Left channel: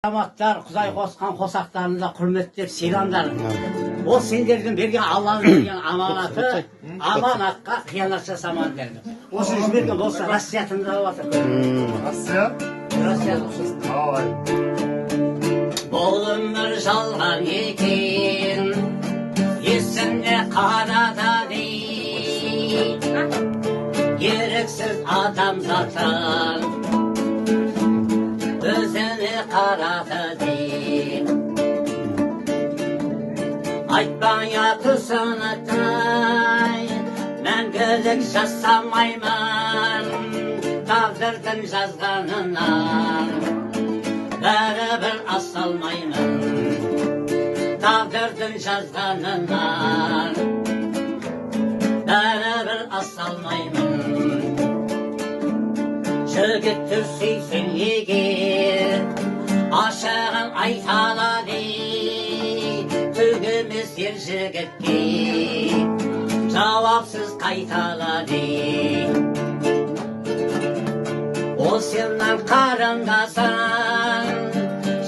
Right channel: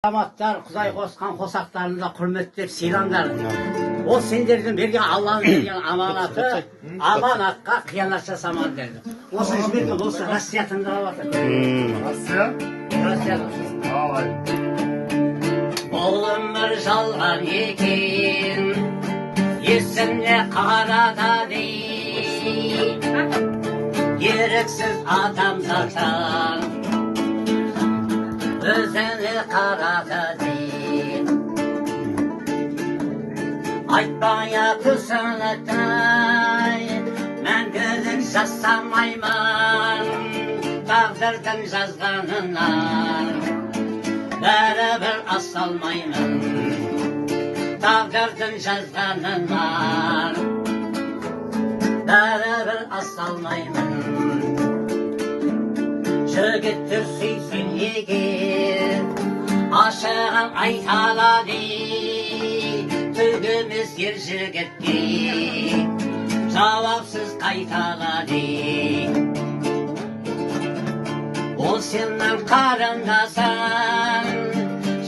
Азаматтар, Құдай қосқан қосақтарында құрметтеп сыйлаңдар. Ол сендердің берген Алланың берген аманаты, аманатқа қиянат жасаман деді. Осы жіберген осы Россия тыңдап жатыр. Россия? Россия. Ай. Бұл өмір жалған екен, есіңе қарада дей. Еріксіз адамзаттан өзіне қарады дей. Айтпай атысынытай, мәңгілік жасамаймын, тағдырдың жазғанынан бәрібір асалмаймын, тағдырдың жазғанынан бәрібір асалмаймын. Жігітті сүйсең егер, ашығын айтала дей, төгіміз ер жігітке жауапсыз қайтала дей. Ол сенің қарындасың,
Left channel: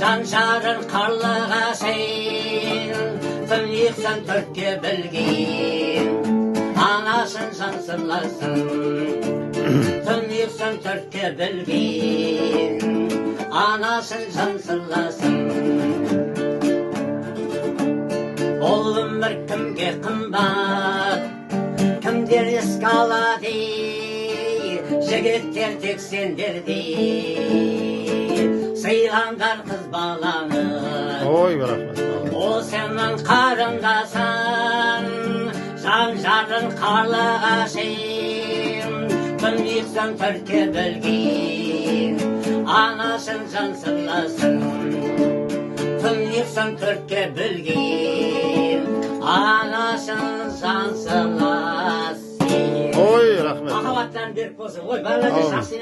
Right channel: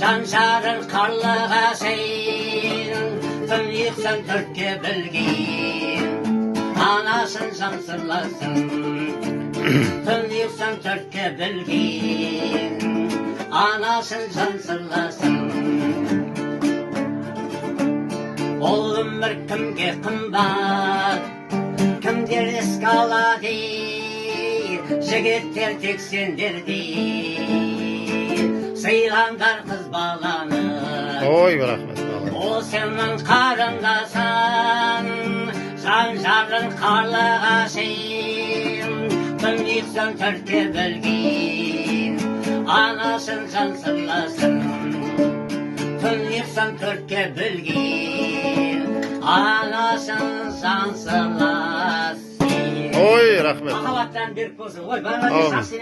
жан-жарын қарлыға шейін, түн ұйқысын төртке білген, анасын жан сырласын. Түн ұйқысын төртке білген, анасын жан сырласын. Ол өмір кімге қымбат, кімдер еске алады, жігіттер тек сендердей сыйлаңдар қыз баланы. Ой, рахмет. Ол сенің қарындасың, жан-жарын қарлыға шейін, түн ұйқысын төртке білген, анасын жан сырласын. Түн ұйқысын төртке білген, анасын жан сырласын. Ой, рахмет. Махаббаттан беріп болсын. Ой, барлығы жақсы